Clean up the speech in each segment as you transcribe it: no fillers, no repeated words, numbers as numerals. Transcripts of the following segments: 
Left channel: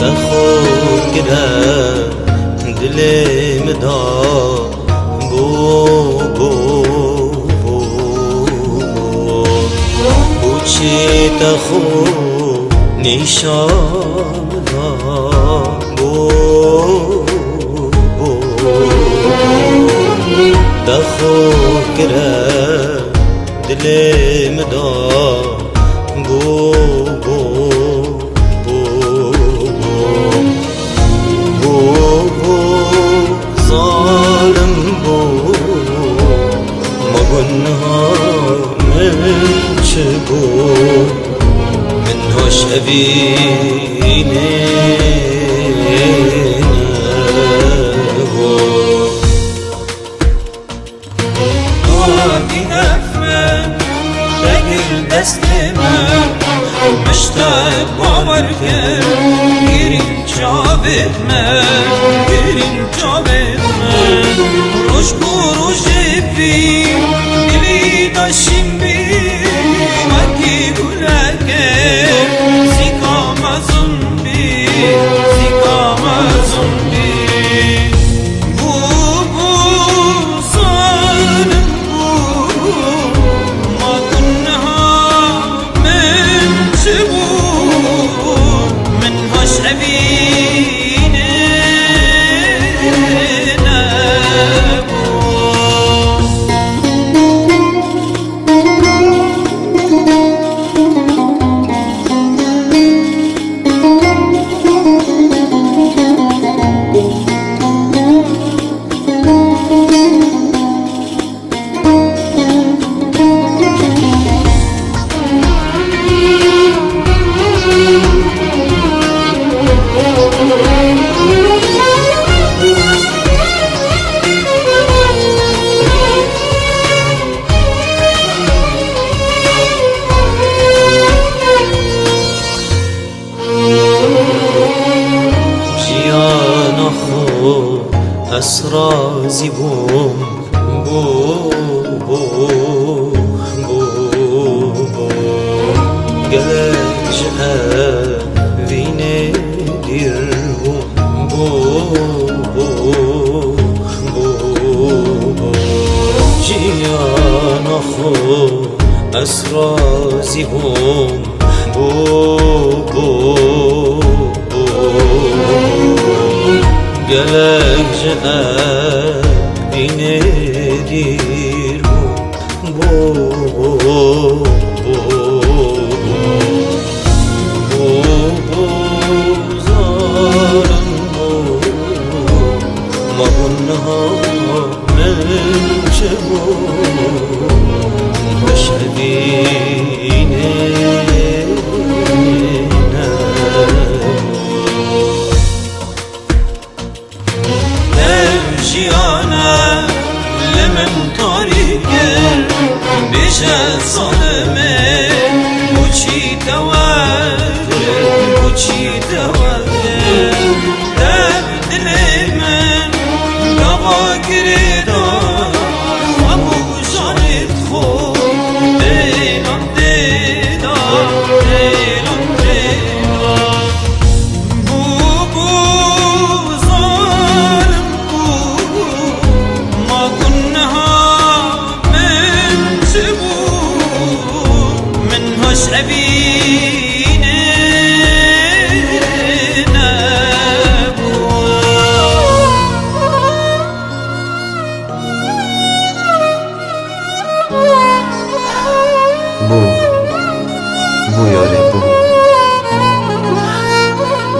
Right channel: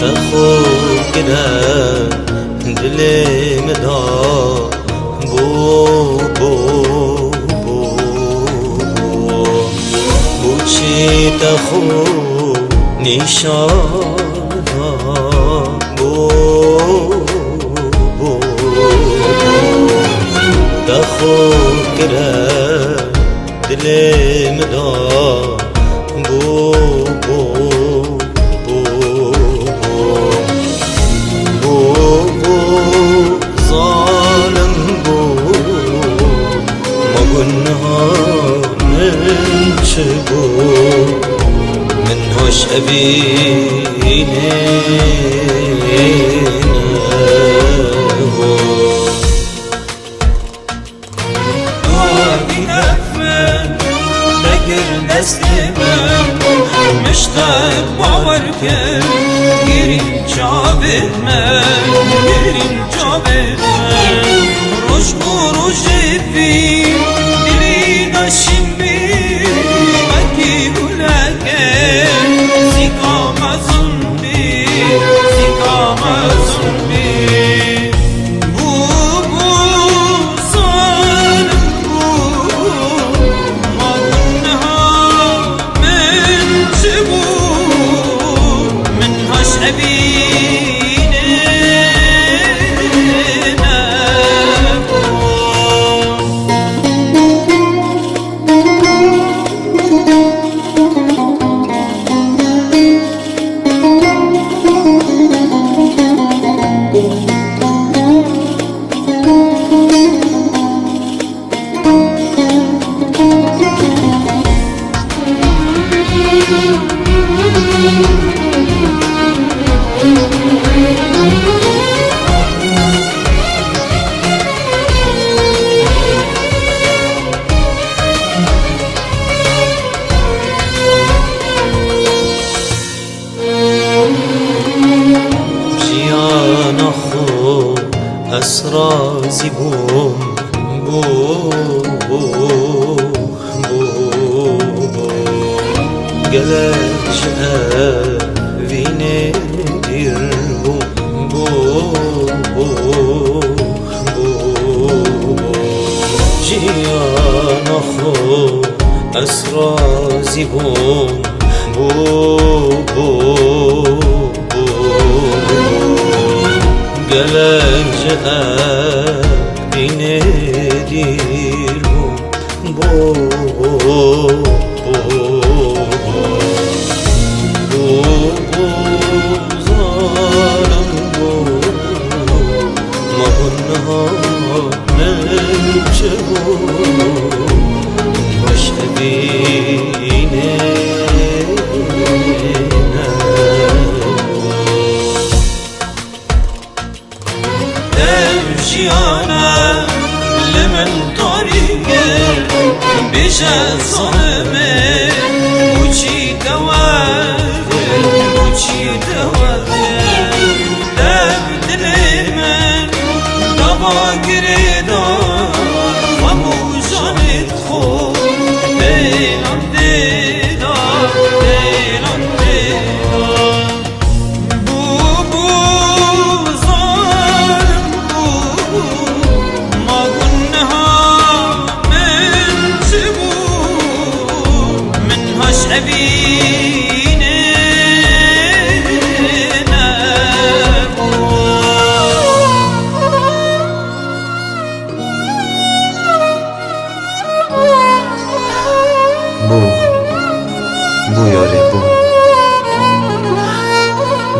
دخوگره دلم دا بوچی دخو نیشان دخوگره دلم دا ظالم ما قلنا من شبو من هوش أبيني مشتاق باور کرد گرین جابت من گرین جابت من روش بروش بی گرین آشیم بی مگیرو لکن زیکام ازون بی زیکام ازون بی اسرازی گلج وینه دیر جیان خود اسرازی گلج اینه دیر زارم مهنها نلچه مشهدینه بجد ظلمه بوچی دواره بوچی دواره دم دل من دوا گردان و موزانت خود دیلم دیدار دیلم دیدار بو زارم ما کنها بو یاره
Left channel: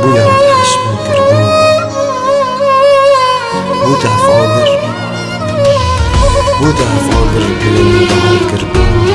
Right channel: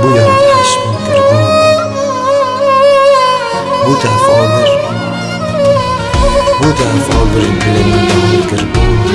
بو یاره پشمان در بو دفع آلر دلم دهان کر بو